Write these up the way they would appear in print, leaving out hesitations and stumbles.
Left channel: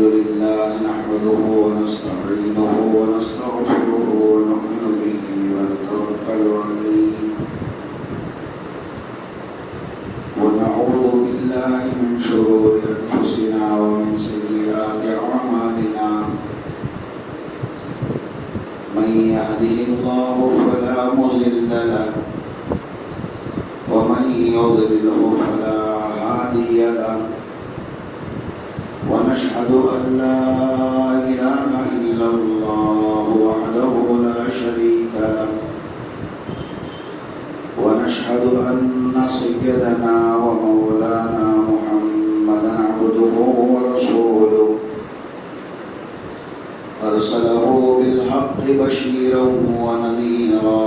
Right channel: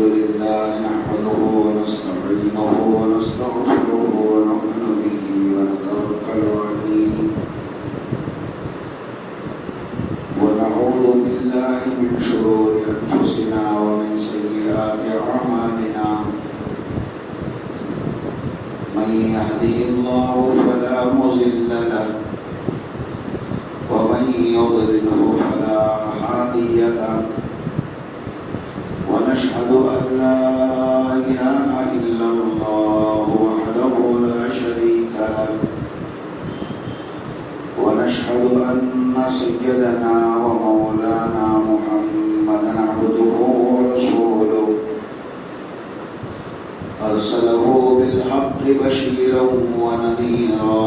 لله نحمده ونستعينه ونستغفره ونؤمن به ونتوكل عليه ونعوذ بالله من شرور أنفسنا ومن سيئات أعمالنا من يهده الله فلا مضل له ومن يضلله فلا هادي له ونشهد أن لا إله إلا الله وحده لا شريك له ونشهد أن سيدنا ومولانا محمدا عبده ورسوله أرسله بالحق بشيرا ونذيرا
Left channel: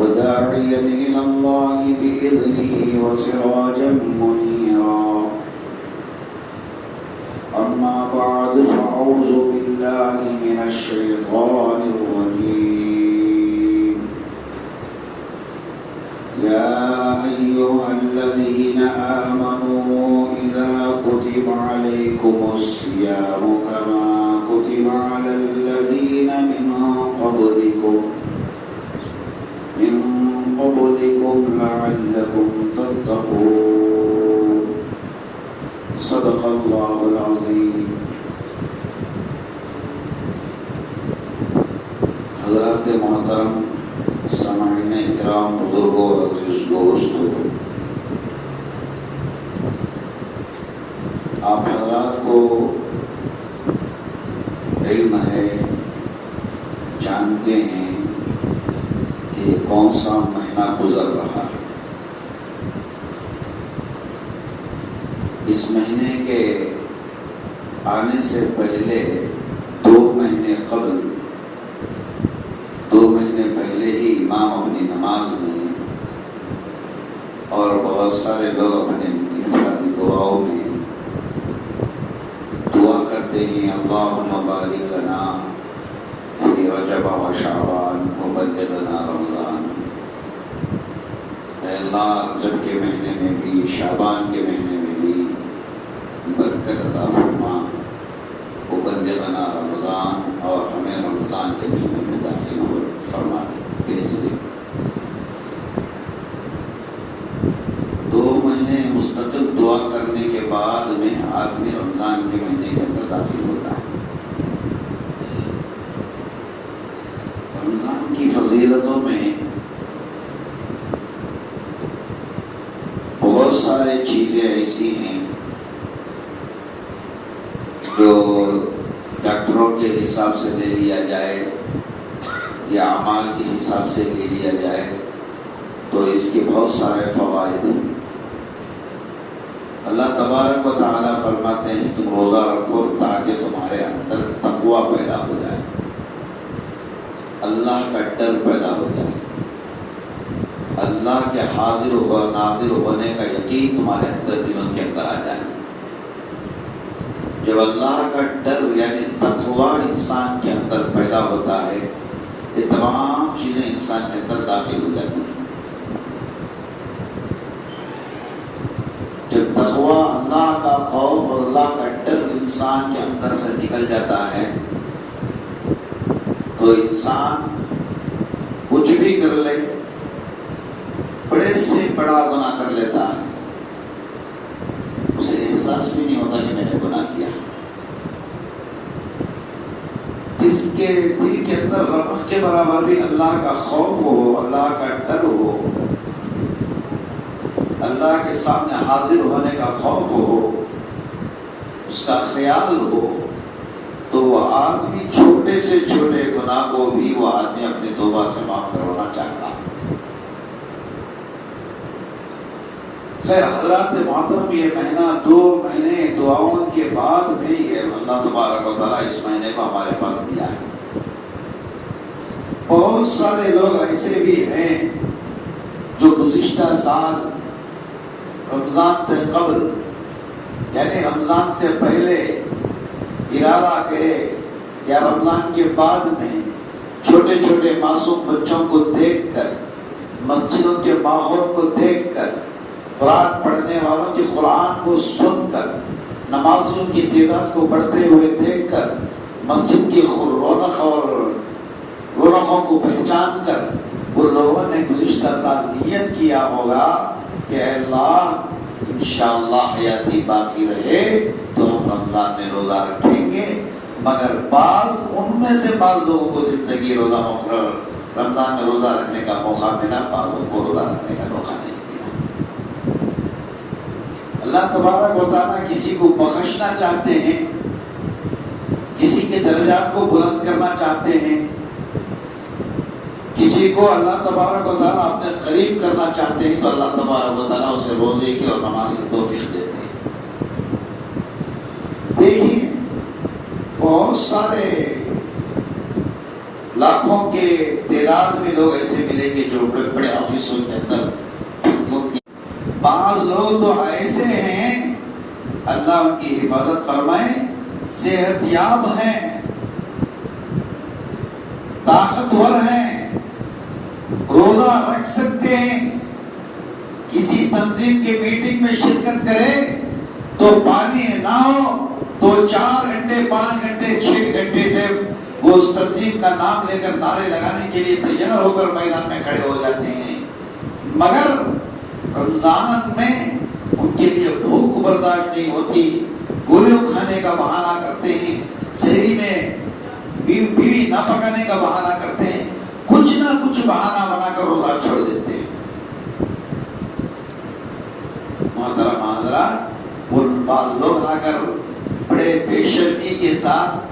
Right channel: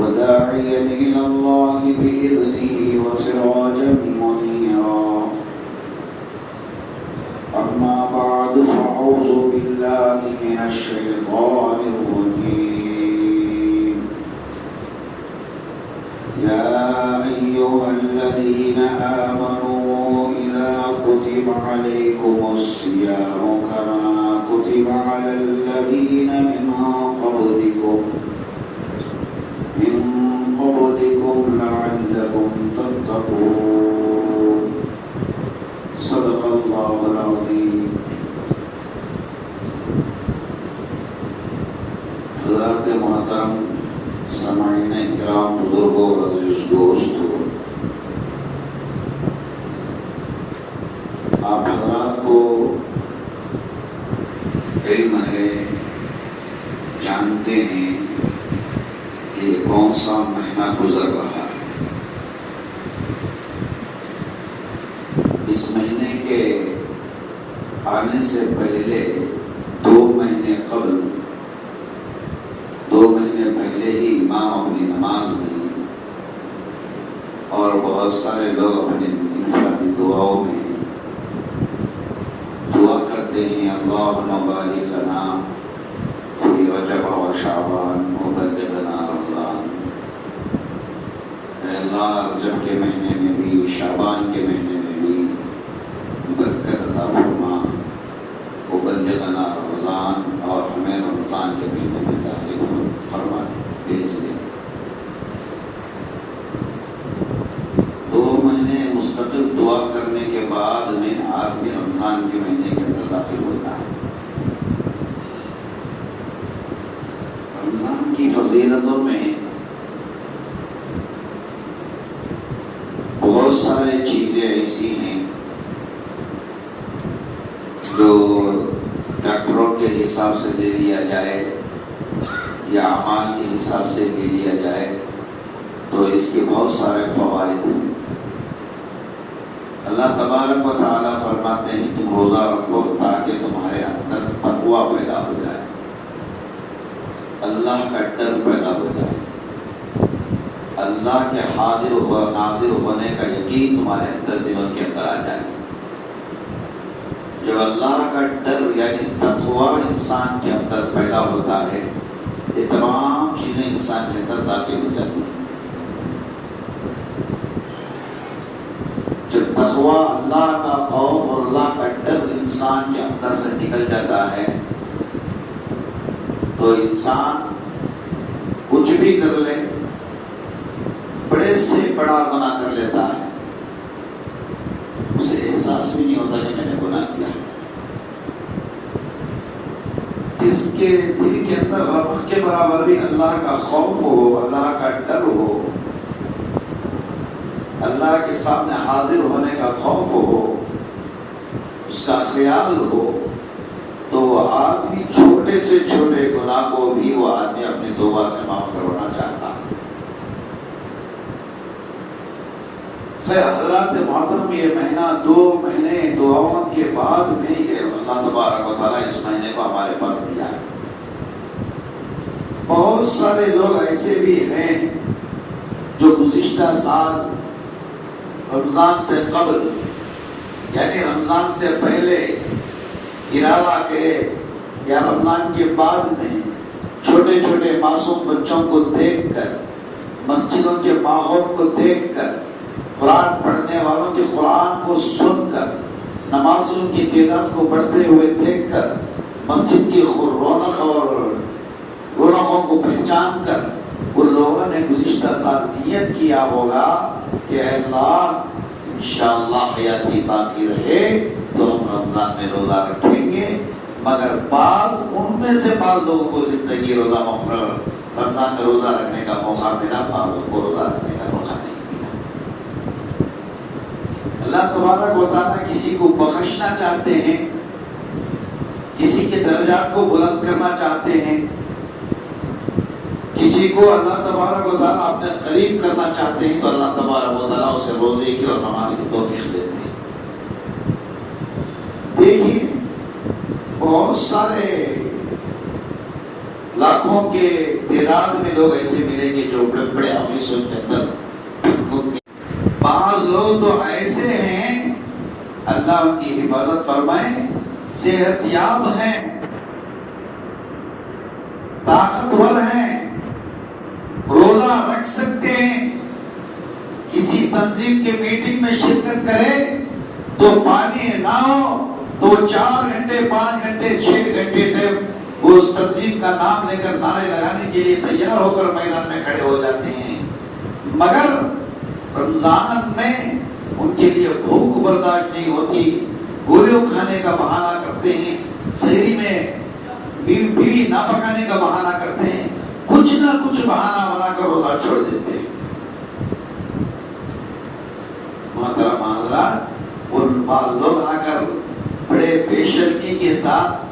وداعيا إلى الله بإذنه وسراجا منيرا أما بعد فأعوذ بالله من الشيطان الرجيم يا أيها الذين آمنوا إذا كتب عليكم الصيام كما كتب على الذين من قبلكم لعلكم تتقون صدق الله العظيم. حضرات محترم سامعین کرام، بزرگوں اور عزیز دوستوں، آپ حضرات کو علم ہے، جانتے ہیں کہ کون سا مہینہ گزر رہا ہے. اس مہینے کے آنے سے پہلے 2 مہینے قبل، 2 مہینے پہلے ہی امام اپنی نماز میں اور بہت سارے لوگ اپنے انفرادی دعاؤں میں دعا کرتے ہیں اللہم بارک لنا فی رجب و شعبان وبلغنا رمضان. اے اللہ، رجب کے مہینے میں بھی، شعبان کے مہینے میں بھی برکت عطا فرما، وبلغنا رمضان، اور ہمیں رمضان کے مہینے میں داخل فرما بھیج دے. 2 مہینے مستقل دعا کرنے کے بعد میں آدمی رمضان کے مہینے کے اندر داخل ہوتا ہے. رمضان کی فضیلتوں میں بہت سارے چیزیں ایسی ہیں جو ڈاکٹروں کے حساب سے لے لیا جائے یا اعمال کے حساب سے لے لیا جائے تو اس کے بہت سارے فوائد ہیں. اللہ تبارک و تعالیٰ فرماتے ہیں تم روزہ رکھو تاکہ تمہارے اندر تقویٰ پیدا ہو جائے، اللہ کا ڈر پیدا ہوتا ہے، اللہ کے حاضر ناظر ہونے کا یقین تمہارے اندر دلوں کے اندر آ جائے. جب اللہ کا ڈر یعنی تقویٰ انسان کے اندر پیدا ہوتا ہے، یہ تمام چیزیں انسان کے اندر داخل ہو جاتی ہیں. جب تقویٰ، اللہ کا خوف اور اللہ کا ڈر انسان کے اندر سے نکل جاتا ہے تو انسان کچھ بھی کر لے، بڑے سے بڑا گناہ کر لیتا ہے، اسے احساس بھی نہیں ہوتا کہ میں نے گناہ کیا. جس کے دل کے اندر ربخ کے برابر بھی اللہ کا خوف ہو، اللہ کا ڈر ہو، اللہ کے سامنے حاضر ہونے کا خوف ہو، اس کا خیال ہو، تو وہ آدمی چھوٹے سے چھوٹے گناہ کو بھی وہ آدمی اپنی توبہ سے معاف کروانا چاہتا. خیر حضرات محترم، یہ مہینہ 2 مہینے دعاؤں کے بعد بھی یہ اللہ تبارک و تعالیٰ اس مہینے کو ہمارے پاس دیا ہے. بہت سارے لوگ ایسے بھی ہیں جو گزشتہ سال رمضان سے قبل یعنی رمضان سے پہلے ارادہ کرے یا رمضان کے بعد میں چھوٹے چھوٹے معصوم بچوں کو دیکھ کر، مسجدوں کے ماحول کو دیکھ کر، قرآن پڑھنے والوں کے قرآن کو سن کر، نمازیوں بچوں کی تعداد کو بڑھتے ہوئے دیکھ کر مسجد کی رونق اور رونقوں کو پہچان کر وہ لوگوں نے گزشتہ سال نیت کیا ہوگا کہ اے اللہ انشاءاللہ حیاتی باقی رہے تو ہم رمضان میں روزہ رکھیں گے، مگر ان میں سے بعض لوگوں کو زندگی رمضان میں روزہ رکھنے کا موقع ملا، بعضوں کو روزہ رکھنے کا موقع نہیں ملا۔ اللہ تبارک و تعالیٰ کسی کو بخشنا چاہتے ہیں، کسی کے درجات کو بلند کرنا چاہتے ہیں، کسی کو اللہ تبارک و تعالیٰ اپنے قریب کرنا چاہتے ہیں تو اللہ تبارک و تعالیٰ اسے روزے کی اور نماز کی توفیق دیتے ہیں۔ دیکھیے بہت سارے لاکھوں کے تعداد میں لوگ ایسے ملیں گے جو بڑے بڑے آفسوں کے اندر، بعض لوگ تو ایسے ہیں اللہ ان کی حفاظت فرمائے، صحت یاب ہیں، طاقتور ہیں، روزہ رکھ سکتے ہیں، کسی تنظیم کے میٹنگ میں شرکت کرے تو پانی نہ ہو تو 4 گھنٹے 5 گھنٹے 6 گھنٹے وہ اس تنظیم کا نام لے کر نعرے لگانے کے لیے تیار ہو کر میدان میں کھڑے ہو جاتے ہیں، مگر رمضان میں ان کے لیے بھوک برداشت نہیں ہوتی، گولیوں کھانے کا بہانہ کرتے ہیں، سحری میں بیڑی نہ پکانے کا بہانہ کرتے ہیں، کچھ نہ کچھ بہانہ بنا کر روزہ چھوڑ دیتے ہیں۔ محترم حضرات، ان بعض لوگ آ کر بڑے بے شرمی کے ساتھ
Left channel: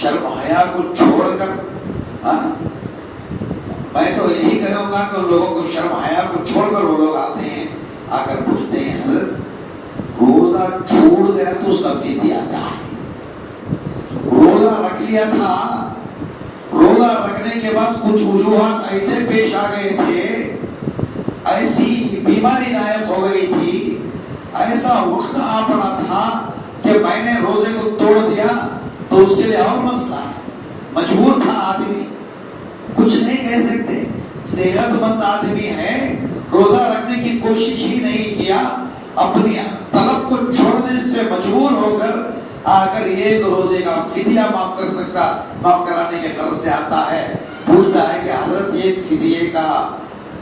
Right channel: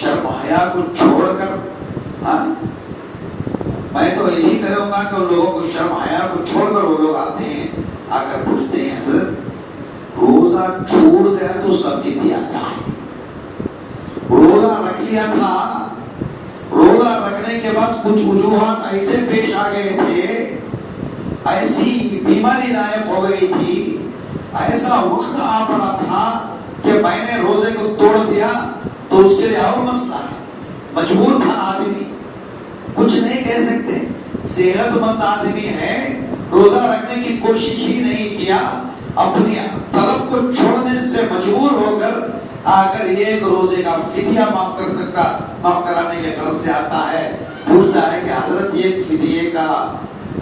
شرم حیا کو چھوڑ کر، میں تو یہی کہوں گا کہ ان لوگوں کو شرم حیا کو چھوڑ کر وہ لوگ آتے ہیں، آ کر پوچھتے ہیں حضرت روزہ چھوڑ گیا تو اس کا فدیہ کیا ہے؟ روزہ رکھ لیا تھا، روزہ رکھنے کے بعد کچھ وجوہات ایسے پیش آ گئے تھے، ایسی بیماری لاحق ہو گئی تھی، ایسا وقت آ پڑا تھا کہ میں نے روزے کو توڑ دیا تو اس کے لیے اور مسئلہ ہے، مجبور تھا آدمی، کچھ نہیں کہہ سکتے، صحت مند آدمی ہے، روزہ رکھنے کی کوشش ہی نہیں کیا، اپنی طلب کو چھوڑنے سے مجبور ہو کر آ کر ایک روزے کا فدیہ معاف کرانے کے غرض سے آتا ہے، پوچھتا ہے کہ حضرت ایک فدیے کا،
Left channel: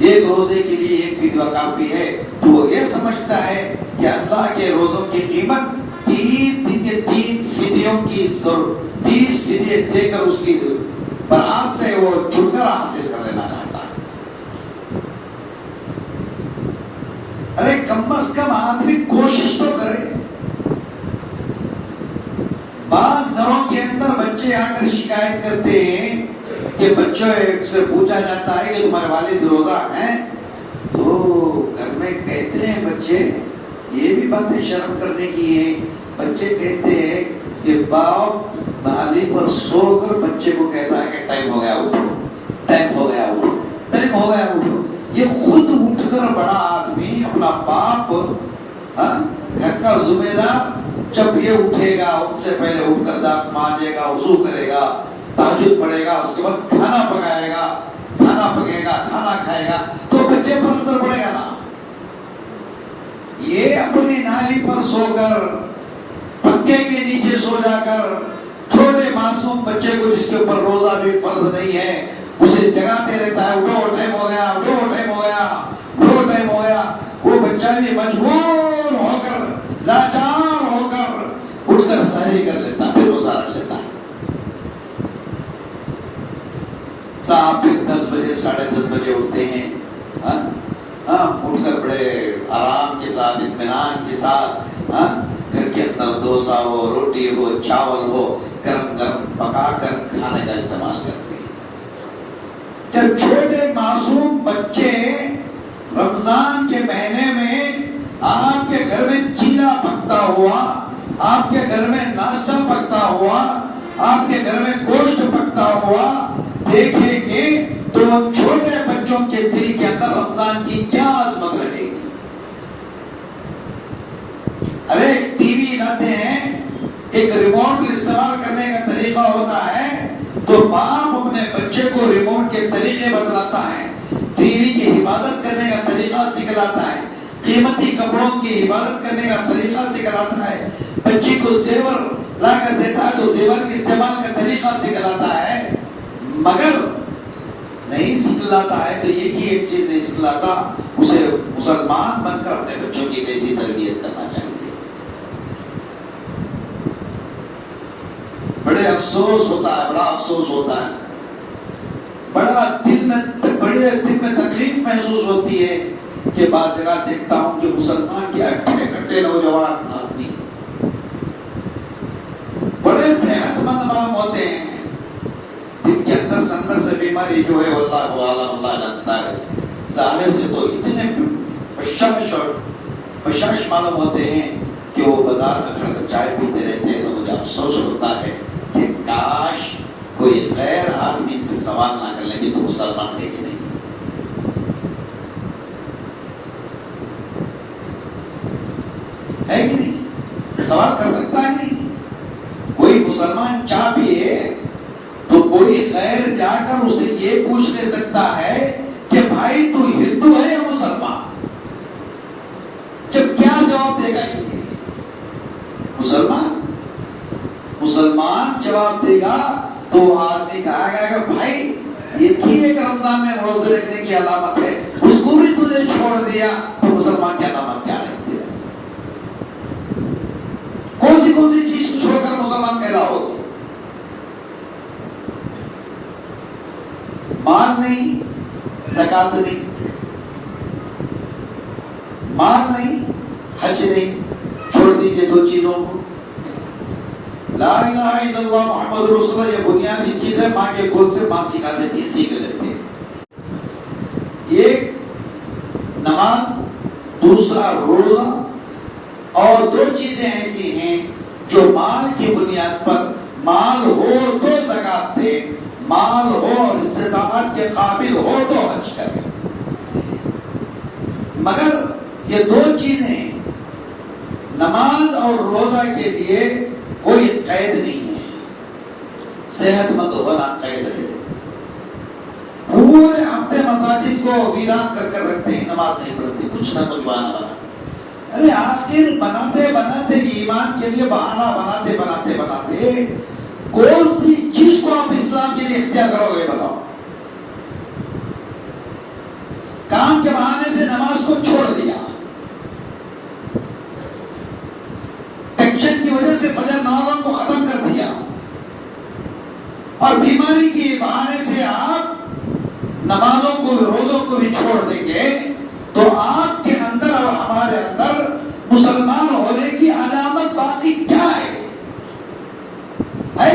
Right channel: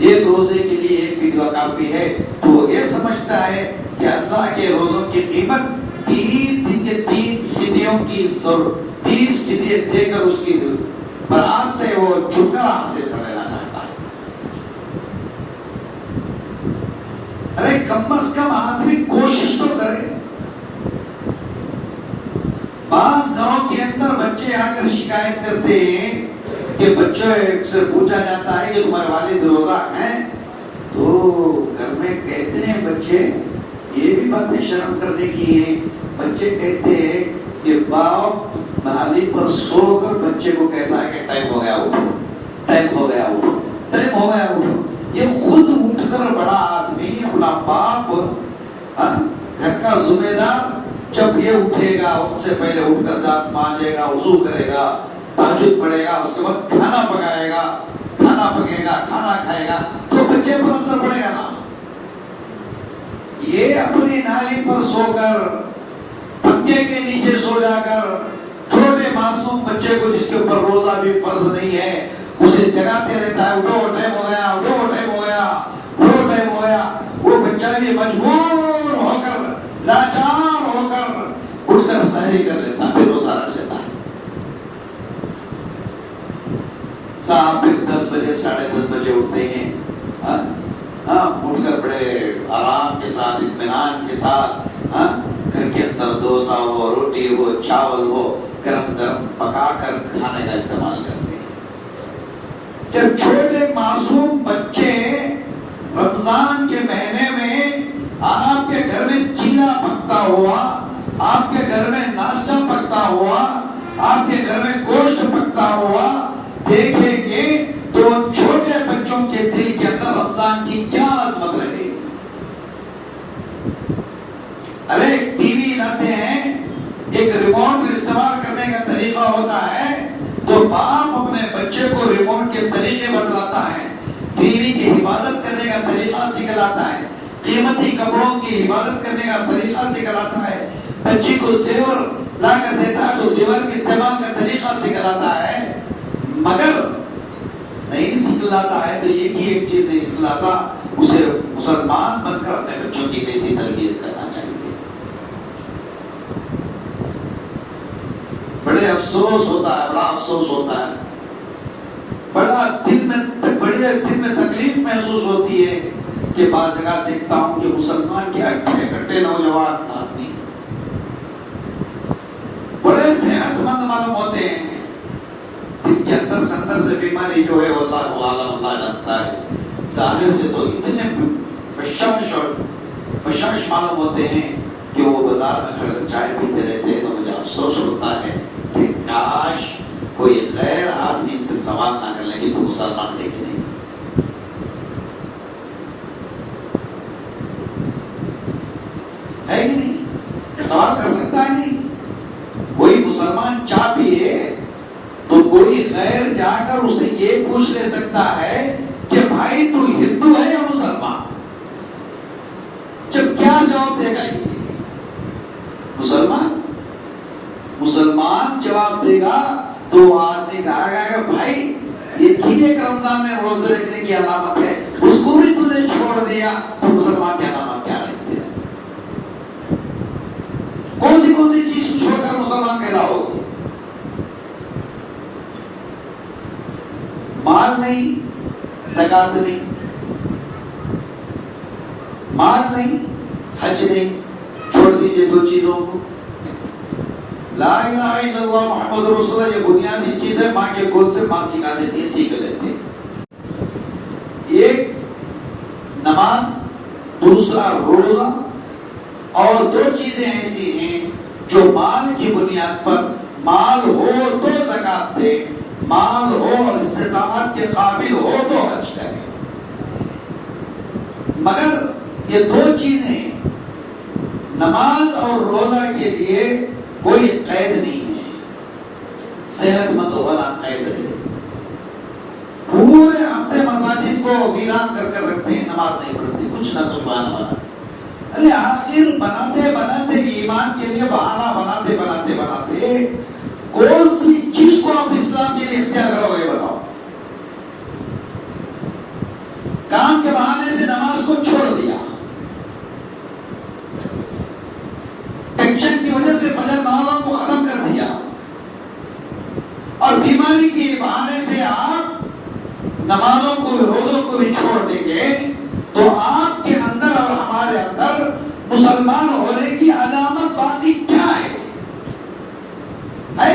ایک روزے کے لیے ایک فدیہ کافی ہے؟ تو وہ یہ سمجھتا ہے کہ اللہ کے روزوں کی قیمت 30 دن کے 3 فدیوں کی 30 فدیے دے کر اس کی برات سے وہ چھٹکارا حاصل کر لینا چاہتا ہے۔ ارے کم از کم آدمی کوشش تو کرے۔ بعض گھروں کے اندر بچے آ کر شکایت کرتے ہیں کہ بچوں سے پوچھا جاتا ہے کہ تمہارے والد روزہ ہیں، تو گھر میں کہتے ہیں بچے، یہ بھی باتیں شرم کرنے کی ہیں، بچے کہتے ہیں کہ باپ بحالی پر سو کر بچے کو کہتا ہے کہ ٹائم ہو گیا اٹھو، ٹائم ہو گیا اٹھو، ٹائم ہو گیا اٹھو۔ یہ خود اٹھ کر بڑا آدمی، اپنا باپ، گھر کا ذمہ دار، جب یہ اٹھے گا اس سے پہلے اٹھ کر دانت مانجے گا، وضو کرے گا، تہجد پڑھے گا، اس کے بعد کھانا پکائے گا، کھانا پکے گا، کھانا کھائے گا، تو بچے پر اثر پڑے گا نا۔ یہ اپنی نالی پر سو کر، پنکھے کے نیچے سو جا کر، چھوٹے معصوم بچے کو جس کے اوپر روزہ بھی فرض نہیں ہے اسے جگاتے رہتا ہے، اٹھو ٹائم ہو گیا، اٹھو ٹائم ہو گیا، اٹھو ٹائم ہو گیا۔ وہ بچہ بھی مجبور ہو کر، لاچار ہو کر اٹھ کر سحری کر لیتا ہے، پھر روزہ رکھ لیتا ہے۔ صاحب پھر 10 بجے 10:30 بجے اٹھتے ہیں، اٹھ کر بڑے آرام کے ساتھ، اطمینان کے ساتھ، گھر کے اندر ڈوسا ہو، روٹی ہو، چاول ہو، گرم گرم پکا کر کھانے کا استعمال کرتے ہیں۔ جب چھوٹے معصوم بچے رمضان کے مہینے میں آپ کے گھر میں چیلا پکتا ہوا، آپ کے گھر میں ناشتہ پکتا ہوا، آپ کے گھر میں گوشت پکتا ہوا دیکھیں گے تو چھوٹے بچوں کے دل کے اندر رمضان کی کیا عظمت رہے گی۔ ارے ٹی وی لاتے ہیں، ایک ریموٹ استعمال کرنے کا طریقہ ہوتا ہے تو باپ اپنے بچے کو ریموٹ کے طریقے بتلاتا ہے، ٹی وی کی حفاظت کرنے کا طریقہ سکھلاتا ہے، قیمتی کپڑوں کی حفاظت کرنے کا طریقہ سکھلاتا ہے، بچی کو زیور لا کر دیتا ہے تو زیور کے استعمال کا طریقہ سکھلاتا ہے، مگر نہیں سکھلاتا ہے تو ایک چیز نہیں سکھلاتا، اسے مسلمان بن کر اپنے بچوں کی کیسی تربیت کرنا چاہیے۔ بڑے افسوس ہوتا ہے، بڑا افسوس ہوتا ہے، بڑے دل میں تکلیف محسوس ہوتی ہے کہ بعض جگہ دیکھتا ہوں کہ مسلمان کے اچھے کٹے نوجوان آدمی بڑے صحت مند معلوم ہوتے ہیں، جن کے اندر سے بیماری جو ہے اللہ جانتا ہے، ظاہر سے تو اتنے بشاش معلوم ہوتے ہیں کہ وہ بازار میں کھڑے کر چائے پیتے رہتے ہیں۔ تو مجھے افسوس ہوتا ہے کہ کاش کوئی غیر آدمی ان سے سوال نہ کر لیں کہ تو مسلمان ہے کہ نہیں، ہے کہ نہیں، سوال کر سکتا ہے نہیں کوئی مسلمان چاہ پیے تو کوئی غیر جا کر اسے یہ پوچھ لے سکتا ہے کہ بھائی تو ہندو ہے یا مسلمان؟ جب کیا جواب دے گا یہ مسلمان جواب دے گا تو وہ آدمی کہا گا کہ بھائی یہ بھی ایک رمضان میں روزے رکھنے کی علامت ہے، اس کو بھی تو نے چھوڑ دیا تو مسلمان کی علامت کیا رکھ دیا؟ کون سی چیز کو چھوڑ کر مسلمان کہلا ہوگی؟ مال نہیں، زکات نہیں، مال نہیں، حج نہیں، چھوڑ دیجئے دو چیزوں کو، لا الہ الا اللہ محمد رسول اللہ، یہ بنیادی چیز ہے، ماں کے گود سے ماں سکھا دیتی ہے، سیکھ لیتے ہیں۔ ایک نماز، دوسرا روزہ، اور دو چیزیں ایسی ہیں جو مال کی بنیاد پر، مال ہو تو زکات دے، مال ہو اور استطاعت کے قابل ہو تو حج کرے، مگر یہ دو چیزیں نماز اور روزہ کے لیے کوئی قید نہیں ہے، صحت مند ہونا قید ہے۔ پورے ہفتے مساجد کو ویران کر کر رکھتے ہیں، نماز نہیں پڑھتے، کچھ نہ کچھ بہانہ بناتے، ارے آخر بناتے ایمان کے لیے بہانہ بناتے کون سی چیز کو آپ اسلام کے لیے اختیار کرو گے بتاؤ؟ کام کے بہانے سے نماز کو چھوڑ دیا، ٹینشن کی وجہ سے فجر نمازوں کو ختم کر دیا، اور بیماری کے بہانے سے آپ نمازوں کو روزوں کو بھی چھوڑ دیں گے تو آپ کے اندر اور ہمارے اندر مسلمان ہونے کی علامت باقی کیا ہے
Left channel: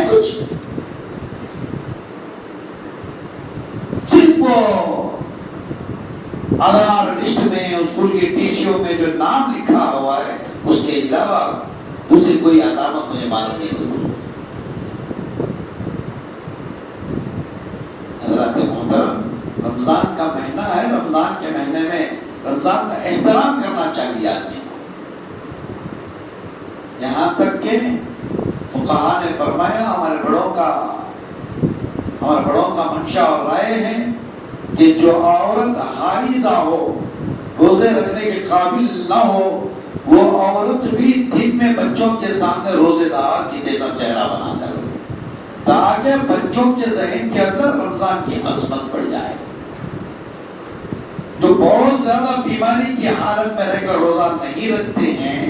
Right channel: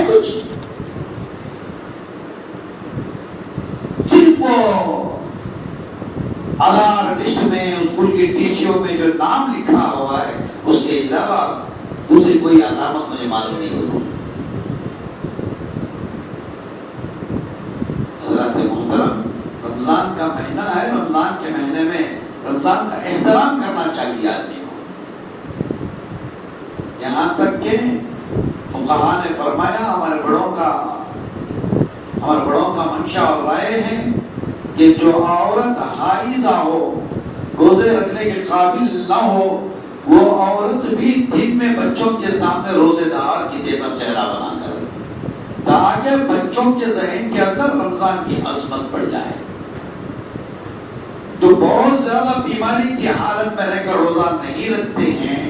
کچھ؟ صرف وہ آدھار لسٹ میں، اسکول کی ٹیچیوں میں جو نام لکھا ہوا ہے، اس کے علاوہ دوسری کوئی علامت مجھے معلوم نہیں ہوتی۔ حضرات محترم، رمضان کا مہینہ ہے، رمضان کے مہینے میں رمضان کا احترام کرنا چاہیے آدمی کو، یہاں تک کہ فقہاء نے فرمایا، ہمارے بڑوں کا منشا اور رائے ہے کہ جو عورت حائضہ ہو، روزے رکھنے کے قابل نہ ہو، وہ عورت بھی دن میں بچوں کے سامنے روزے دار کی جیسا چہرہ بنا کر رکھے، تاکہ بچوں کے ذہن کے اندر رمضان کی عظمت پڑ جائے۔ جو بہت زیادہ بیماری کی حالت میں رہ کر روزہ نہیں رکھتے ہیں،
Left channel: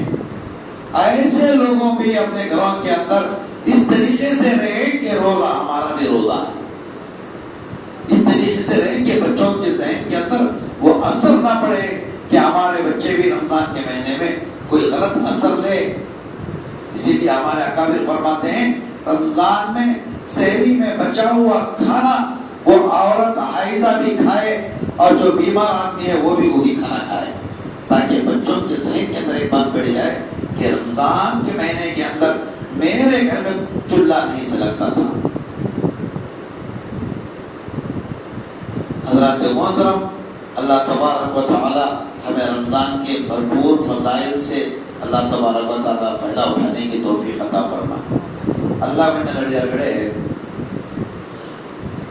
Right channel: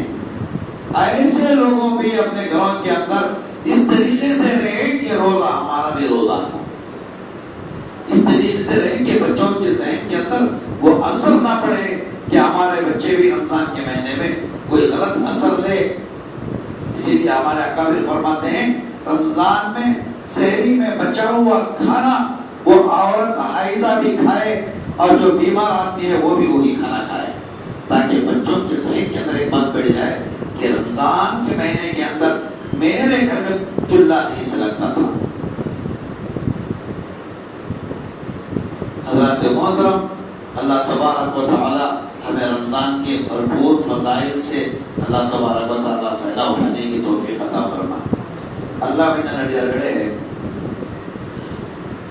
ایسے لوگوں بھی اپنے گھروں کے اندر اس طریقے سے رہے کہ روزہ ہمارا بھی روزہ ہے، اس طریقے سے رہے کہ بچوں کے ذہن کے اندر وہ اثر نہ پڑے کہ ہمارے بچے بھی رمضان کے مہینے میں کوئی غلط اثر لے۔ اسی لیے ہمارے اکابر فرماتے ہیں، رمضان میں سحری میں بچا ہوا کھانا وہ عورت حائضہ بھی کھائے اور جو بیمار آدمی ہے وہ بھی وہی کھانا کھائے، تاکہ بچوں کے ذہن کے اندر ایک بات بڑھ جائے کہ رمضان کے مہینے کے اندر میرے گھر میں چولہا نہیں سلگتا تھا۔ حضرات محترم، اللہ تبارک و تعالی ہمیں رمضان کے بھرپور فضائل سے اللہ تبارک و تعالی فائدہ اٹھانے کی توفیق عطا فرمائے۔ اللہ میں نگڑے ہے،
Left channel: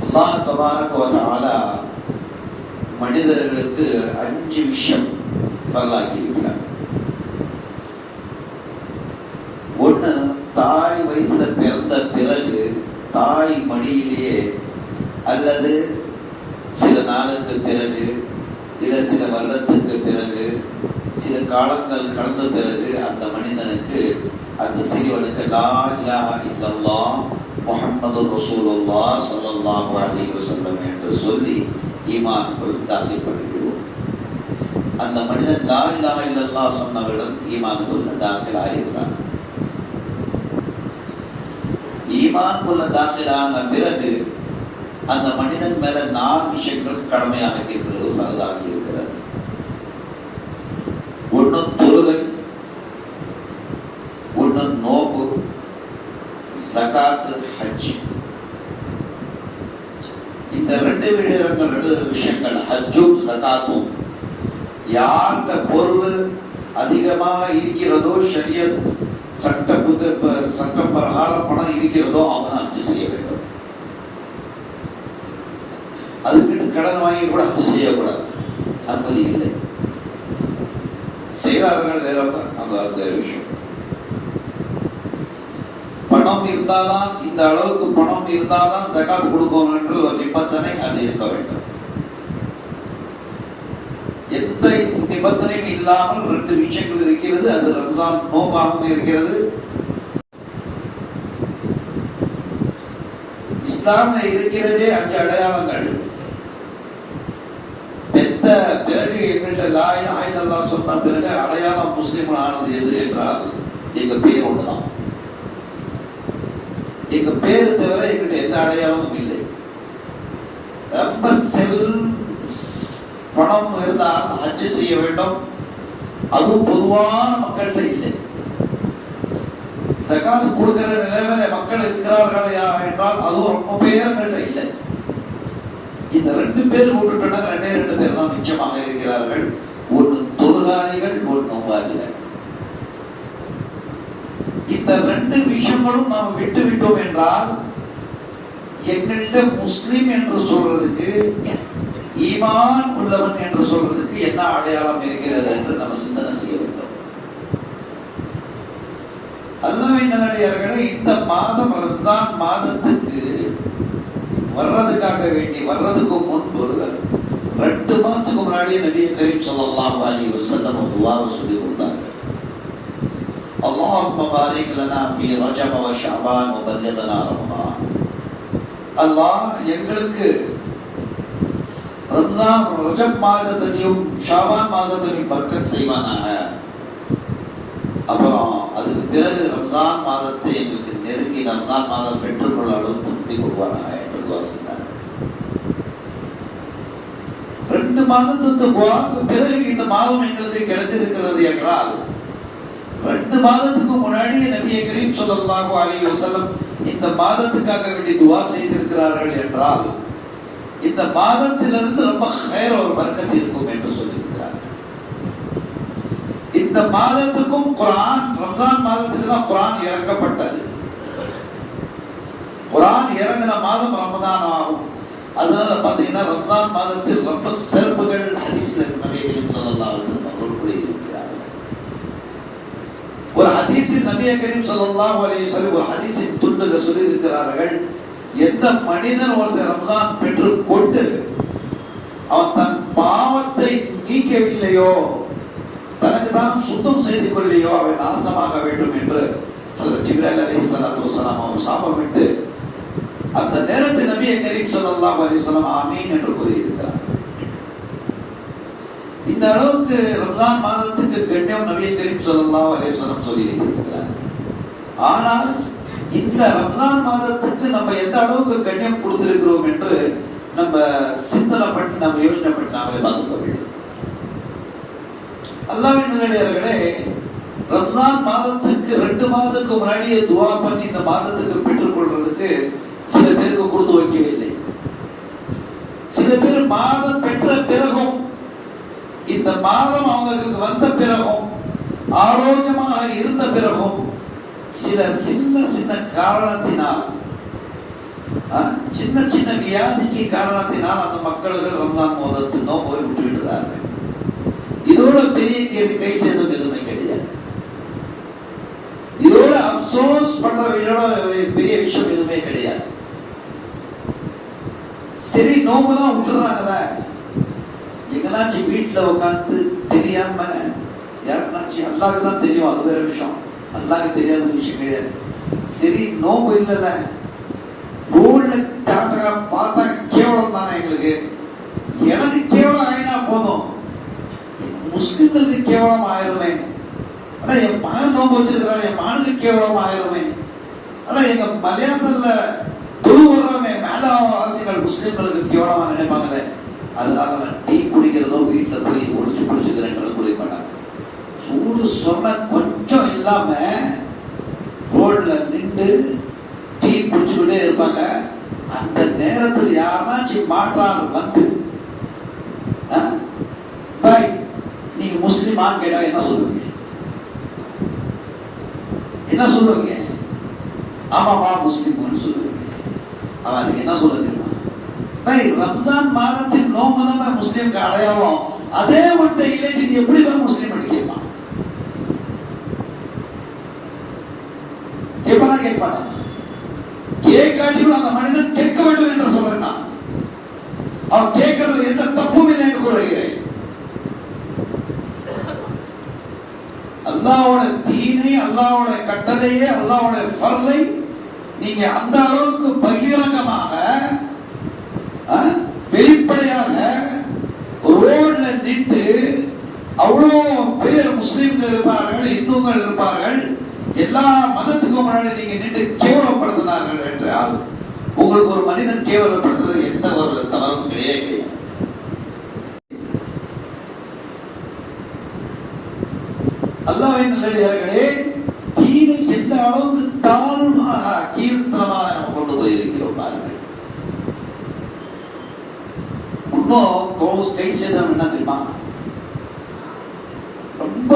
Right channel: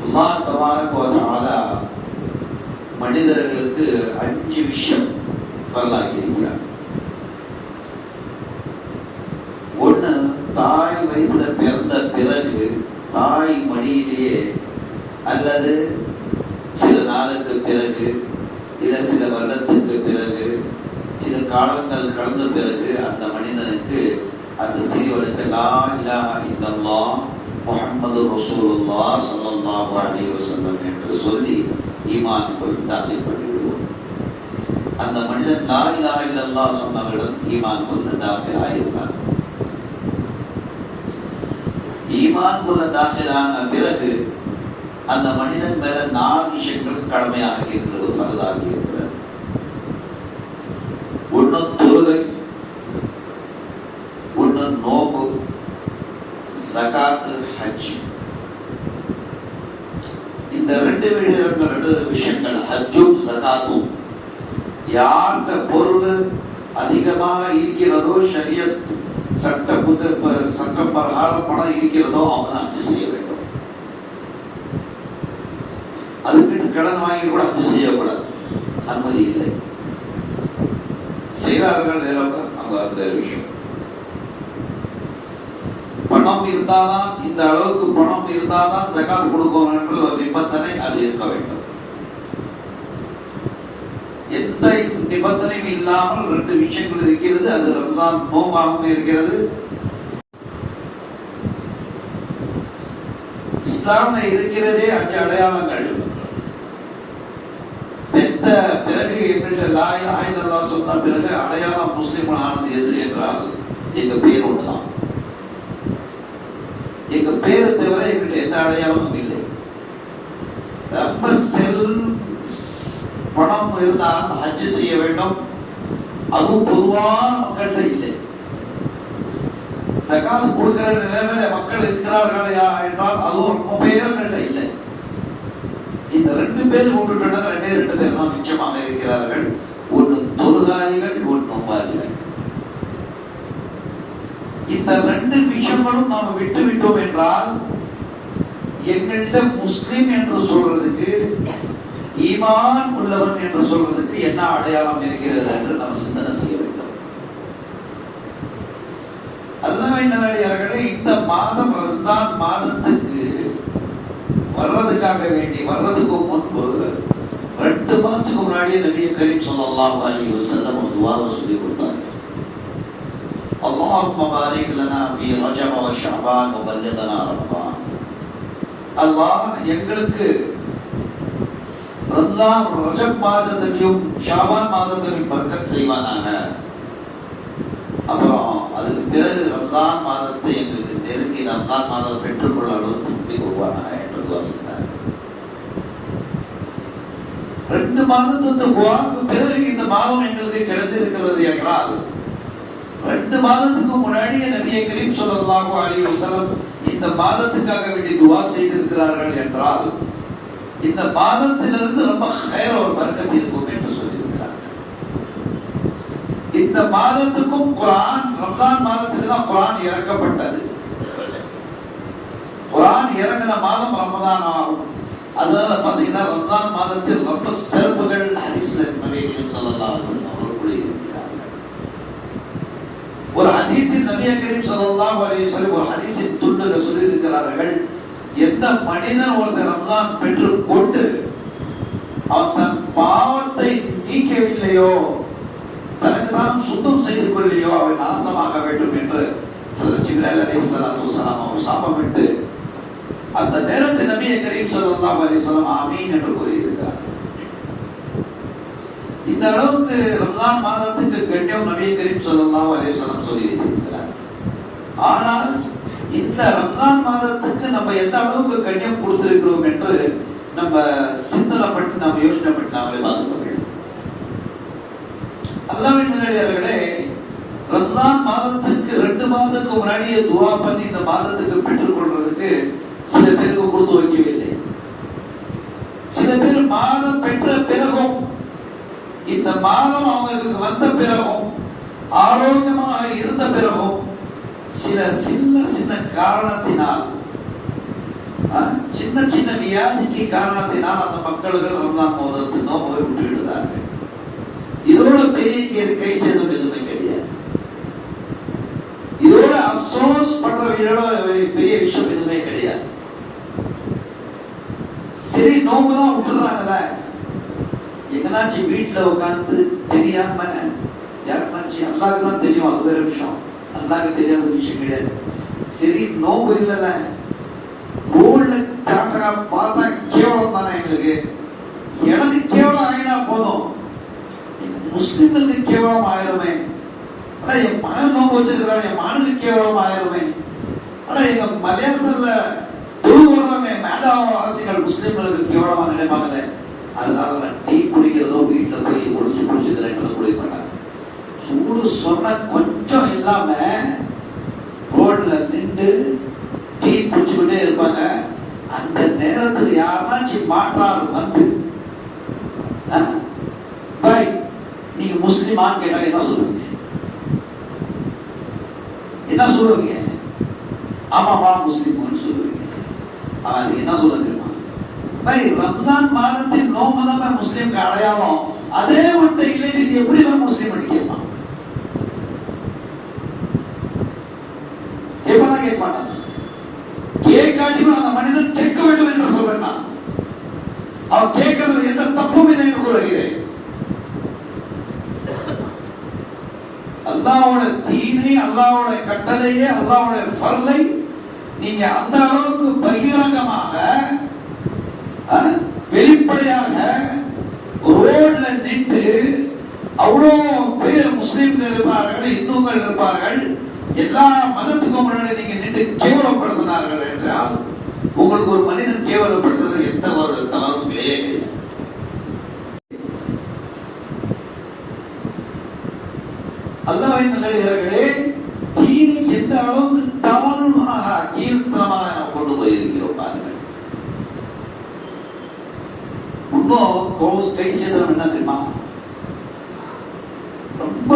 اللہ تبارک و تعالی മനിതർക്ക് 5 വിഷയം ഫർളാക്കിയിരിക്കുകയാണ്. அல்லது சில நாளுக்கு பிறகு இல்ல சில வருடத்துக்கு பிறகு சில காலங்கள் கடந்த பிறகு அந்த மனிதனுக்கு அந்த சிறியவனுக்கு லா இலாஹா இல்லல்லாஹ் முஹம்மது ரசூலுல்லாஹ் ஸல்லல்லாஹு அலைஹி வஸல்லம் என்று சொல்லி ஈமானுக்குள் தாখিল பண்ணிவிடுவோம். அந்த மனிதன் லா இலாஹா இல்லல்லாஹ் சொன்னவருடன் ஈமானுக்குள் தாখিল ஆயிருக்கான். ஈமானுக்குள்ள தாখিল ஆன பிறகு அந்த மனிதன் மேல 4 விஷயங்கள் கடமையாக இருக்கிறது, ஃபர்தாகி இருக்கிறது. ஒன்று தொழுகை, ஒன்று நோம்பு, ஜகாத், ஹஜ். இந்த 2 விஷயங்கள் ஹஜ்ஜும் ஜகாத்தும் யார்கிட்ட பொருள் அதிகமாக இருக்கிறதோ, ஷரியத் சட்டம் பிரகாரம் பணம் இருக்கிறதோ அவங்க ஹஜ் செய்ய வேண்டும். அதுக்கிட்ட கடன் வாங்கி கூட ஹஜ் செய்யக்கூடாது, சம்மதி இல்லை. செய்கிறார்கள் வேறவங்க, அவங்க அந்த விஷயம். பணம் இருந்தாதான், இந்த அளவுக்கு பணம் இருந்தாதான் ஜகாத் கொடுக்கணும் என்ற ஒரு நிபந்தனை அது இருக்க வேண்டும். எந்த நிபந்தனையும் இல்லாமல் 2 விஷயங்கள் இருக்கிறது. அது ரம்ஜான் நோம்பாகவும் இருக்கிறது. இஸ்லாம்ல இருக்கிறதே 5 அடையாளங்கள். பெத்த பிறகு எங்கள்கிட்ட லா இலாஹா இல்லல்லாஹ் சொன்ன பிறகு அடையாளம் முஸ்லிம் ஆனது எது என்றால் எங்க பேர் ஒண்ணுதான். எங்க பேரு தவிர எங்கள்கிட்ட எந்த அடையாளமும் இல்லை. ரொம்ப பணம் இருந்தால் ஹஜ் செய்ய வேண்டும், அதுவும் பொதுவான மக்கள்கிட்ட இல்லை. ஜகாத் கொடுக்கிற நிலைமையில மக்கள் இருக்கிறார்களா என்றால் அதுவும் ரொம்ப பேர்கள்ட்ட இல்லை. இந்த 2 பேர் விட்டுட்டா 2 பேர் தான் மிச்சமாக இருக்கிறார்கள். ஒன்று தொழுகாளிகள், ஒன்று நோம்பாளிகள். இந்த 2 விஷயங்களும் நாம் விட்டு விட்டோம் என்றால் எங்கள்கிட்ட முஸ்லிம் என்று சொல்றதுக்கு, ஈமான் உள்ளவன் என்று சொல்றதுக்கு என்ன அடையாளம் இருக்கிறது என்று நம்ம சிந்தனை செய்ய வேண்டும். அல்லாஹ்வின் நல்லடியார்களே, இந்த மாதம் ரமலான் மாதத்துக்கு வர்றதுக்காக வேண்டி வர்றதுக்கு முன்பு 2 மாசத்துக்கு முன்னாடியே நபி கரீம் ஸல்லல்லாஹு அலைஹி வஸல்லம் துஆவை சொல்லி கொடுத்தாங்க. அல்லாஹும்ம பாரிக் லனா ஃபீ ரஜப வ ஷஅபான் வ பல்லிக்னா ரமலான். அல்லாஹ் எங்களுக்கு ரம்ஜான் ரஜப் மாதத்திலும் ஷாபான் மாதத்திலும் பரக்கத் செய்வானாக. அப்புறம் அதுக்கு பிறகு ரம்ஜான் மாதத்தை எங்களுக்கு நெருங்கி ரம்ஜான் மாதம் பெற்றுக்கொள்ள அளவு திருப்தி கொள்வானாக என்று துஆ செய்தார். 2 மாதத்துக்கு துஆக்கு பிறகு இந்த மாதம் எங்களுக்கு கிடைத்திருக்கிறது என்றால் 2 மாதத்துக்கு முன்னாடியே நபி கரீம் ஸல்லல்லாஹு அலைஹி வஸல்லம் இந்த மாதத்துக்காக வேண்டி துஆ செய்திருக்கிறார்கள் என்றால் இந்த மாதத்திலிருந்து ரொம்ப ஹைர் ஒரு பரக்கத் இருக்கும் என்று சொல்லியிருக்கிறார். இந்த மாதத்துக்கும் குர்ஆன், ரம்ஜான் மாதத்துக்கு தான் குர்ஆன் இறக்கப்பட்டது. குர்ஆன் இறங்கின மாதம் ரமலான் ஆகும். அதனால பாத்தீங்கன்னா ரம்ஜான் மாதத்தில் ரொம்ப சிறப்புகள் ஹதீஸ்ல நபி கரீம் ஸல்லல்லாஹு அலைஹி வஸல்லம் அவர்கள் இருக்கிறார்கள். ஒரு ஹதீஸில் நபி கரீம் ஸல்லல்லாஹு அலைஹி வஸல்லம் ஒரு ஹதீஸின் துண்டுல சொல்லி இருக்கிறார்கள், எந்த மனிதன் ஒருத்தர் ரம்ஜான் பெற்று கொண்டு அவன் தன் பாவத்தை நீக்கவில்லையோ, தனக்கு தான் சுத்தம் செய்து கொள்ளையோ அவன் நாசமாக வேண்டும் என்று ஜிப்ரீல் அலைஹிஸ்ஸலாத்து வஸலாம் அவர் சாபமிட்டு அந்த நேரத்தில் நபி கரீம் ஸல்லல்லாஹு அலைஹி வஸல்லம் ஆமீன் என்று கூறியிருக்கிறார். இந்த அளவுக்கு ரம்ஜான் மாதத்துக்கு கண்ணியம் நபி கரீம் ஸல்லல்லாஹு அலைஹி வஸல்லம் சொல்லி இருக்கிறார். ஆனால் இந்த ரம்ஜான் மாதத்துக்கு நம்ம எந்த அளவுக்கு கண்ணியம் கொடுத்திருக்கிறோம் என்று நம்ம சிந்தனை பண்ணி நாம் யோசனை பண்ணி நாம பார்த்துக்க வேண்டும். அல்லாஹ்வின் நல்லடியார்களே, ரம்ஜான் மாதத்துக்கு 2 மாதத்துக்கு முன்னாடியே துஆ பண்ணி இந்த மாதத்துக்கு பெற்றுக் கொள்றதுக்கு சில பேருக்கு கொடுத்து வைக்கவில்லை. சில பேர் மாதம் பெற்ற பிறகும், இந்த மாதம் அவங்களுக்கு வந்த பிறகும், ஆரோக்கியமாக இருந்த பிறகும் சில சின்ன காரணத்தினால், சின்ன சின்ன வியாதிக்கு காரணத்தினால் அந்த மக்கள்கள் ரம்ஜான் மாதத்துக்கு நோய் விட்டு விடுறார்கள். இதோட பெரிய கை சேர்ந்தது எதுவுமே கிடையாது. இதோட அப்சோஸ் பண்ற பெரிய விஷயம் எதுவுமே கிடையாது. நோம்பெல்லாம் விட்டுறாங்கல்ல, எங்கனாச்சும் வீட்டுல உட்காந்து தெரியாம யாருனாச்சும் அல்லாஹ்க்கு தான் தெரியும், அது வேற விஷயம். அல்லாஹ்க்கு தெரியாத விஷயம் கிடையாது. சரி நோம்பு இல்லைல்ல, ரோட்ல கேமரா பார்த்தா கேவலம் தானே எங்களுக்கு. எனக்கு கேவலம் ஆயினா போதும், முஸ்லிம்களுக்கு கேவலம் ஆயிருமே. ஆனா என் மகன் நோம்பு வச்சிருக்காரு, என் மகனுக்கு கேவலம் ஆயிருமே. ஆனா எங்க மலையாசல்ல வர்றவங்க மேலாவாசிகள் முஸ்லிம்களுக்கு கேவலமா நினைப்பாங்களே. அதனால டீ குடிக்கிறதோ வீட்டுல போய் ஒழிச்சு குடிச்சுக்கிறேன் குடிக்க மாட்டாங்க. சூடு சொன்ன கொஞ்சம் இல்லாம ரோட்ல நின்று டீ குடிச்சுக்கிட்டே இருப்பாங்க. அந்த நேரத்தில் யாருனாச்சும் மாற்றார் வந்து பாய் நீங்க முஸ்லிமான்னு கேட்டா என்ன சொல்லுவீங்க? என்ன சொல்லுவீங்க? ஆமாமா முஸ்லிமான்னு சொல்லுவீங்க. அதுக்கு என்ன சொல்ல தெரியுமா? பாய் ரம்ஜான் மாதத்தில் நோம்பு தான் முஸ்லிம்க்கு அடையாளம். அதே மட்டும் இல்லை, இது எப்படி முஸ்லீம் கேட்பான்? கேட்பானா? கேட்க மாட்டான். கேட்காட்டியும் அந்த மனிதன் கேட்க வேண்டும் என்று சொல்றேன். நான் அவன் கேட்கறது எந்த தப்பும் இல்லை என்று கூறுகிறேன். அல்லாஹ்வோட தீனை, அல்லாஹ்வோட கட்டளையே, அல்லாஹ்வோட ஃபர்லை நீங்க அந்த அளவுக்கு பகிரங்கமாக வெளிப்படையாக ரோட்ல நின்று அவ்வளோ பேர் முஸ்லிம்கள் இருப்பார்கள், இந்துக்கள் இருப்பார்கள், எல்லா மதத்துக்கும் முன்னாடி நீங்க நின்று கேவலப்படுத்தினார்கள் என்றால் உங்களுக்கு ஒரு மனிதன் கேவலப்படுத்துறது எந்த ஒரு தவறும் கிடையாது. அல்லாஹ்வின் நல்லடியார்களே, தீனை எந்த அளவுக்கு தாழ்வாக கீர்த்தனமாக நாம் கொண்டு போயிருக்கிறோம் பாருங்கள். இன்னும் கை சேதம் என்ன தெரியுமா? ரொம்ப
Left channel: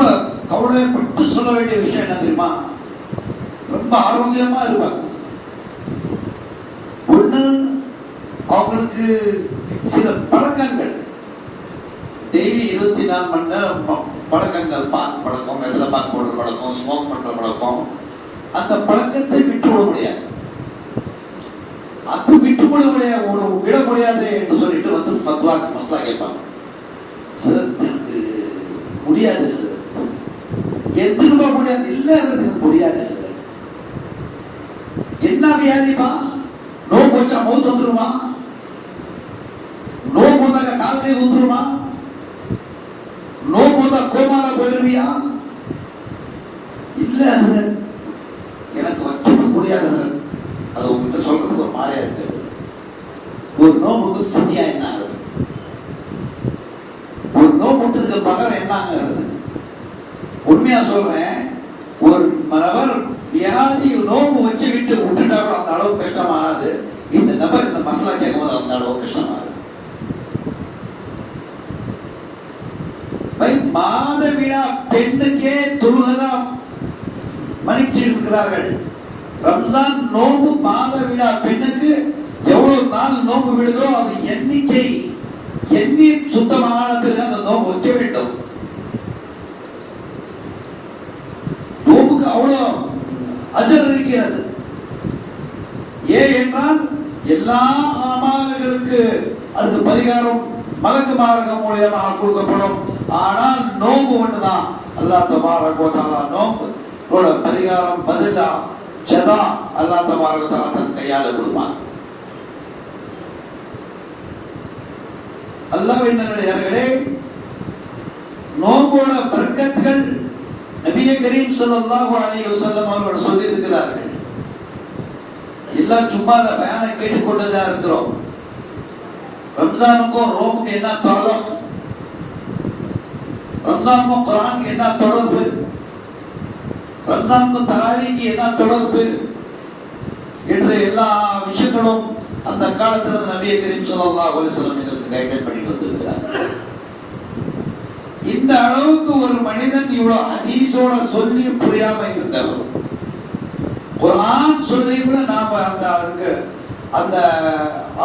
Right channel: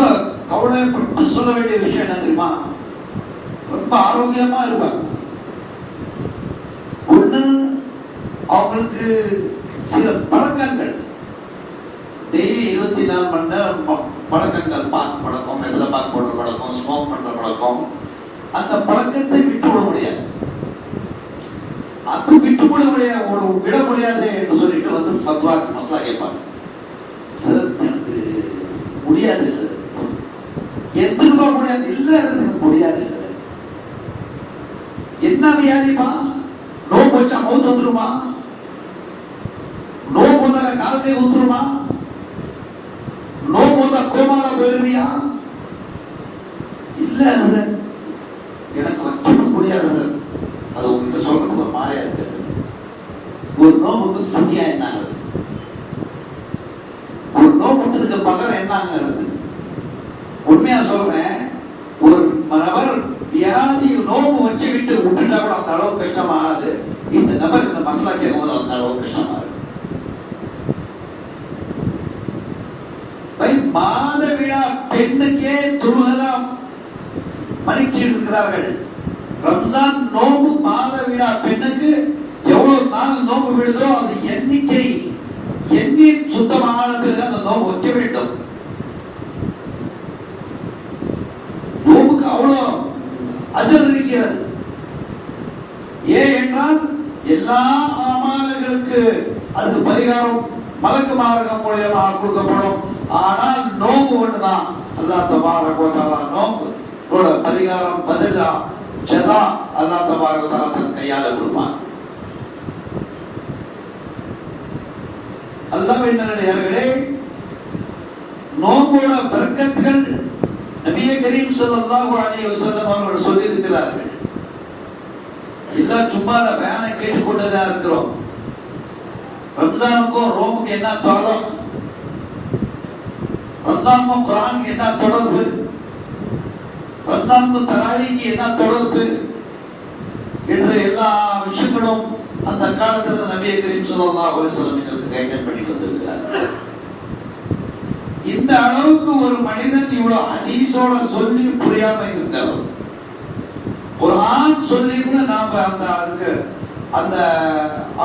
கவலைப்பட்டு சொல்ல வேண்டிய விஷயம் என்ன தெரியுமா? ரொம்ப ஆரோக்கியமா இருப்பாங்க. ஒண்ணு அவங்களுக்கு சில பழக்கங்கள், டெய்லி 24 மணி நேரம் பழக்கங்கள், பார்க்க பழக்கம், எதிர பார்க்க போடுற பழக்கம், ஸ்மோக் பண்ற பழக்கம், அந்த பழக்கத்தை விட்டு விட முடியாது. அது விட்டு விட முடியாது என்று சொல்லிட்டு வந்து ஃபத்வாக்கு மசலா கேட்பாங்க. எனக்கு முடியாது, எதுக்குமா முடியாது? இல்ல எனக்கு முடியாது. என்ன வியாதிப்பா? நோம்பு வச்சா மௌத்து வந்துருமா? நோம்பு வந்தாங்க கால் கை ஊத்துருமா? நோம்பு வந்தா கோமால போயிருவியா? இல்ல எனக்கு வைக்க முடியாது. அது உங்ககிட்ட சொல்றதுக்கு ஒரு மாதிரியா இருக்காது. ஒரு நோம்புக்கு ஃபிதியா என்ன ஆகுது? ஒரு நோம்பு விட்டதுக்கு பகரம் என்ன ஆகுது? உண்மையா சொல்றேன், ஒரு நபர் வியாதி நோம்பு வச்சு விட்டு விட்டுட்டா கூட அந்த அளவு கஷ்டமாகாது. இந்த நபர் இந்த மசாலா கேட்கும்போது அந்த அளவு கஷ்டமாகுது. மாதவிடா பெண்ணுக்கே தொழுகதான் மன்னிச்சிட்டு இருக்கிறார்கள். ரம்ஜான் நோம்பு மாதவிடா பெண்ணுக்கு எவ்வளவு நாள் நோம்பு விடுதோ அது எண்ணிக்கை எண்ணி சுத்தமான பிறகு அந்த நோம்பு வைக்க வேண்டும். நோம்புக்கு அவ்வளவு அஜர் இருக்கிறது. ஏன் என்றால் எல்லா அமல்களுக்கு அதுக்கு பரிகாரம் மலக்கு மார்க்கம் மூலியமாக கொடுக்கப்படும். ஆனால் நோம்பு ஒண்ணுதான் அல்லாஹ் தபாரக வ தஆலா நோம்பு பரிகாரம் பதிலா ஜஸா அல்லாஹ் தபாரக வ தஆலா தன் கையால கொடுப்பான். அல்லாஹ்வின் நல்லடியார்களே, நோம்போட பரக்கத்துகள் நபியே கரீம் ஸல்லல்லாஹு அலைஹி வஸல்லம் அவர்கள் சொல்லி இருக்கிறார்கள். எல்லாம் சும்மா பயானை கேட்டுக்கொண்டதா இருக்கிறோம். ரம்ஜானுக்கும் ரோமுக்கு என்ன தொடர்பு? ரம்ஜானுக்கும் குர்ஆனுக்கு என்ன தொடர்பு? ரம்ஜானுக்கும் தராவீக்கு என்ன தொடர்பு என்ற எல்லா விஷயங்களும் அந்த காலத்தில் நபியே கரீம் ஸல்லல்லாஹு அலைஹி வஸல்லம் எங்களுக்கு கைட் பண்ணிட்டு வந்திருக்கிறார். இந்த அளவுக்கு ஒரு மனிதன் இவ்வளவு ஹதீஸோட சொல்லி புரியாம இருந்தாலும் குர்ஆன் சொல்லி கூட நாம அந்த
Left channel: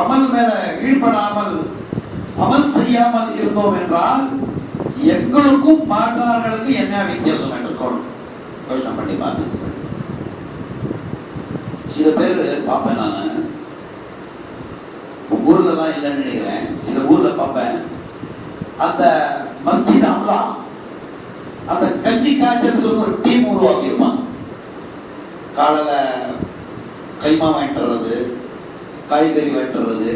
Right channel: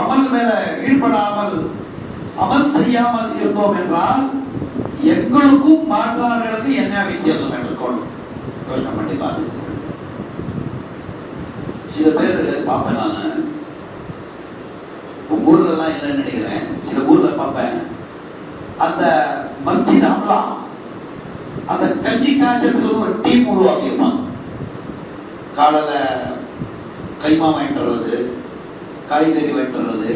அமல் மேல ஈடுபடாமல் அமல் செய்யாமல் இருந்தோம் என்றால் எங்களுக்கும் மாற்றார்களுக்கு என்ன வித்தியாசம் இருக்கும்? யோசனை பண்ணி பார்த்து சில பேர் பார்ப்பேன். நான் உங்க ஊர்ல எல்லாம் இல்லைன்னு நினைக்கிறேன், சில ஊர்ல பார்ப்பேன். அந்த மஸ்ஜித் அம்லா அந்த கஞ்சி காய்ச்சலுக்கு ஒரு டீம் உருவாக்கியிருப்பான். காலையில கைமா வாங்கிட்டு வர்றது, காய்கறி வாங்கிட்டு வர்றது,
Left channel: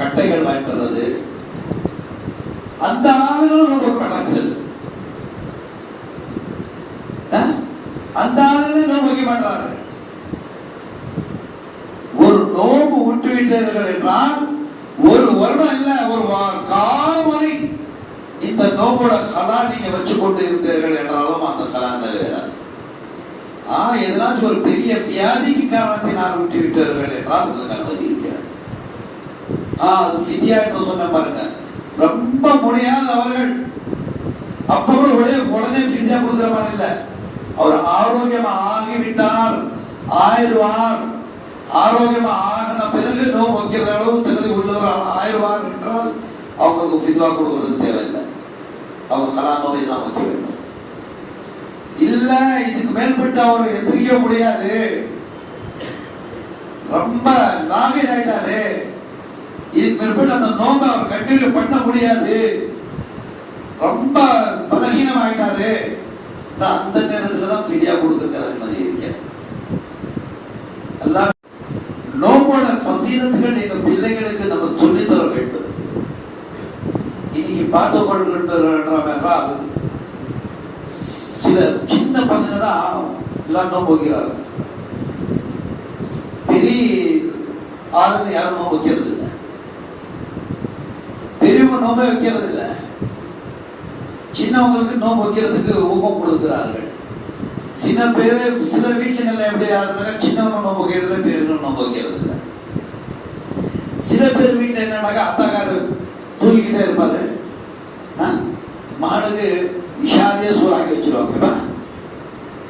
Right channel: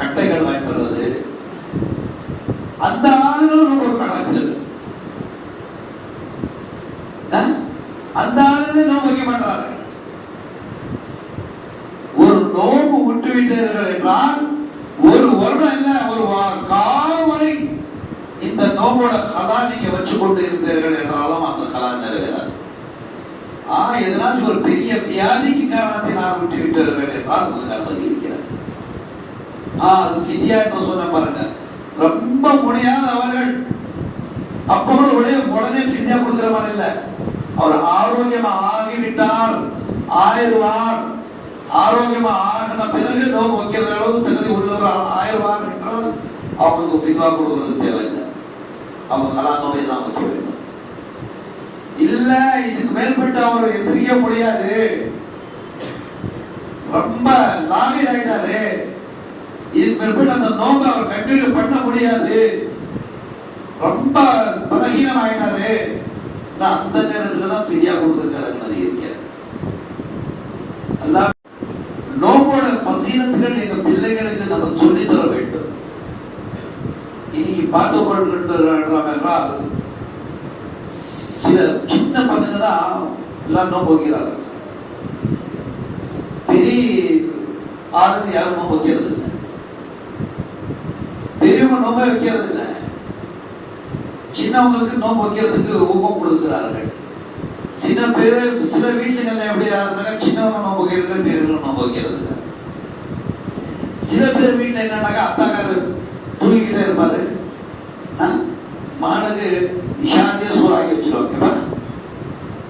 கட்டைகள் வாங்கிட்டு வர்றது, அந்த ஆளுகளும் ரொம்ப அரசியல், அந்த ஆளுகளும் நோம்பு வைக்க மாட்டார்கள். ஒரு நோம்பு விட்டு விட்டீர்கள் என்றால் ஒரு வருடம் இல்ல, ஒரு காலம் வரை இந்த நோம்போட கலா நீங்க வச்சு கொண்டு இருப்பீர்கள் என்றாலும் அந்த கலா நிறைவேறாது. எதனாச்சும் ஒரு பெரிய வியாதிக்கு காரணத்தை நான் விட்டு விட்டீர்கள் என்றால் உங்களுக்கு அனுமதி இருக்கிறேன். அது ஃபிதியா என்று சொன்ன பாருங்க, ரொம்ப முடியாதவர்கள் அப்புறம் உடனே ஃபிதியா கொடுக்கிற மாதிரி இல்ல. அவர் ஆரோக்கியமா ஆகிவிட்டார், ஆயிடுவார், ஆரோக்கியமா ஆகின பிறகு நோய் வைக்கிற அளவு தகுதி உள்ளவர்கள் ஆயிடுவார் என்றால் அவங்களுக்கு ஃபித்வா கொடுக்கிறது தேவையில்லை. அவங்க கலா நோயை தான் வைக்க வேண்டும். இல்ல இதுக்கு மேல்பட்டு அவர் எதிர்க்க முடியாது, ரொம்ப லாகின் ஆயிட்டாரு, இதுக்கு மேற்பட்டு அந்த நோம்பை அவர் கண்டினியூ பண்ண முடியாது, ரொம்ப பலகீனம் ஆயிட்டாரு, அந்த நேரத்துல தான் ஃபிதியா கொடுத்துருக்காரு மாதிரி இருக்கேன். அதான் நோம்போட பசீலத்துகள் எங்க பிள்ளைகளுக்கு நம்ம சொல்லி தர வேண்டும். இன்னைக்கு பார்த்துக் கொள்கின்றவர்கள் சில சின்ன பசங்க தான் எல்லாம் நோம்பு வைக்கிறார்கள். பெரிய ஆளுங்க யாரும் நோம்பு வைக்கிறது இல்லை, பெரியவங்க நோம்பே வைக்கிறது இல்லை, சின்னவங்களுக்கு நோம்பு வைக்கிறதுக்கு ஊக்கம் கொடுக்கிறார்கள். சில வீட்டுல எப்படி ஆகுதுன்னா சின்னவங்க நோம்பு வைக்கிறது, பெரியவங்க நோம்பு வைக்கிறது இல்லை. சில பேர் வீட்டுல என்னன்னாக்கா அத்தாக்காரு தூங்கிக்கிட்டே இருப்பாரு, மாடுக்கு இஷாதிய சோறாக்கி வச்சிருவாங்க.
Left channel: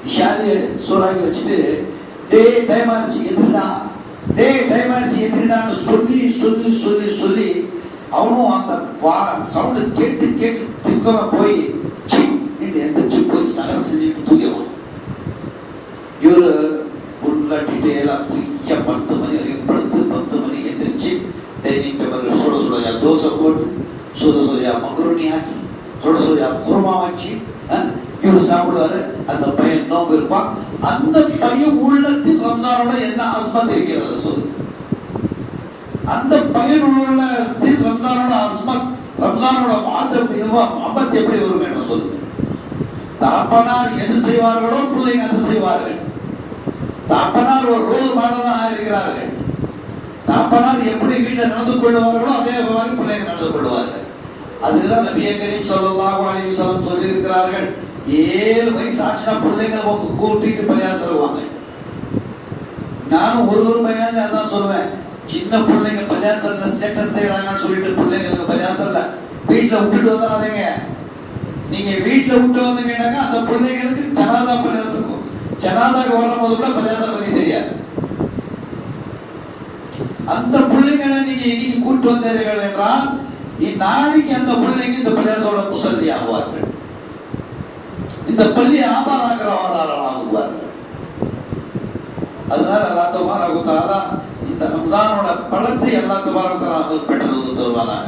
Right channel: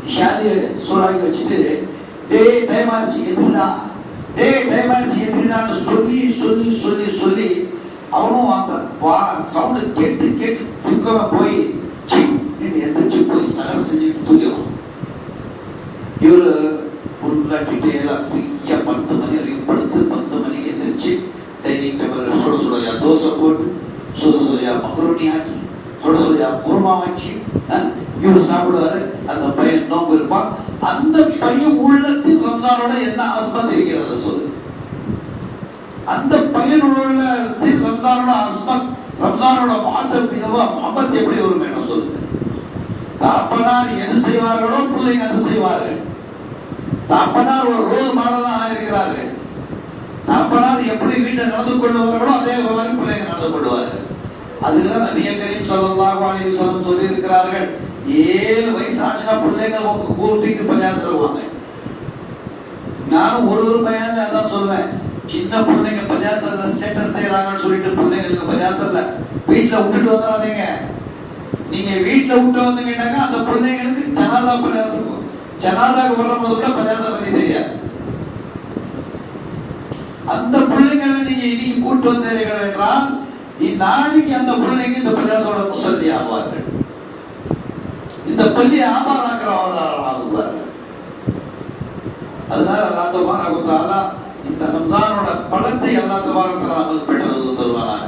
இஷாதிய சோறாக்கி வச்சுட்டு டே டைம் ஆச்சு எதிர்டா, டே டைம் ஆச்சு எதிர்டான்னு சொல்லி சொல்லி சொல்லி சொல்லி அவனும் அந்த சவுண்டு கேட்டு கேட்டு சிக்கமா போய் எந்திரிச்சு போய் சகர் செஞ்சுட்டு தூக்கிடுவான். இவரு ஃபுல்லா டீட்டெயிலா ஃப்ரீயா 10 மணி வரைக்கும் படுத்து 10 மணிக்கு எந்திரிச்சு டைனிங் டேபிள் சுட சுடையா தோசை போட்டு சுட சுடையா மகரோனி ஆக்கி சுட சுடையா குருமா வச்சு இவரு சாப்பிடுவாரு. அந்த பையன் நோம்பு இருப்பான். அந்த பையன் உள்ளத்தில் ரம்ஜானோட என்ன அஸ்மத் இருக்கிறது சொல்லு. அந்த பையன் உள்ளத்தில் ரம்ஜானோட அஸ்மத், ரம்ஜானோட மஹபத் எப்படி வரும் என்று சொல்லு. தாப்பனார் எது செய்வார்களோ பிள்ளைங்க அது செய்வார்கள். தாப்பனார் ஒரு ரோல் மாடல் தான் இருக்கிறார்கள். தாப்பனார் எப்படி வீட்டில் நடந்து கொள்வார்களோ அதே மாதிரி பிள்ளைங்க நடந்து கொள்வார்கள். அதுக்குதான் நபிய கரீம் ஸல்லல்லாஹு அலைஹி வஸல்லம் சொல்லி இருக்கிறார்கள், 7 வயசு ஆச்சுன்னா பிள்ளைங்களை கூட்டிட்டு பள்ளியாசல் சொல்லுவாங்க. நானும் ஒரு பையன்ல அதான் சொல்லுவேன், சின்ன பிள்ளைங்க பள்ளியாசல்ல ஸ்டேட்டஸ் செய்யறாங்கன்னு சொல்லிட்டு பிள்ளைங்களுக்கு பள்ளியாசல்ல வீட்டுல விட்டுட்டு வந்துடாதீங்க. நீங்க வீட்டுல விட்டு வந்தீங்கன்னாக்கா அந்த பிள்ளைங்களுக்கு ஜனாதா பள்ளியாசல், ஜனாதாக்கு வரும் போது கூட பள்ளியாசல் பண்ணி தெரியாது. அந்த பிள்ளைங்களை நீங்க இன்னைக்கு கூட்டு வந்தீர்கள் என்றால் நாளைக்கு அந்த பிள்ளைக்கு இந்த பள்ளியாசோட முசல்லி ஆவார்கள், இந்த பள்ளி ஆபாதாக்கிறவர்கள் ஆகுவார்கள். அதனால அல்லாஹ் தஆலா இந்த ரம்ஜானோட பலத்தை அல்லாஹ் தஆலா பெற்றது தருவானா.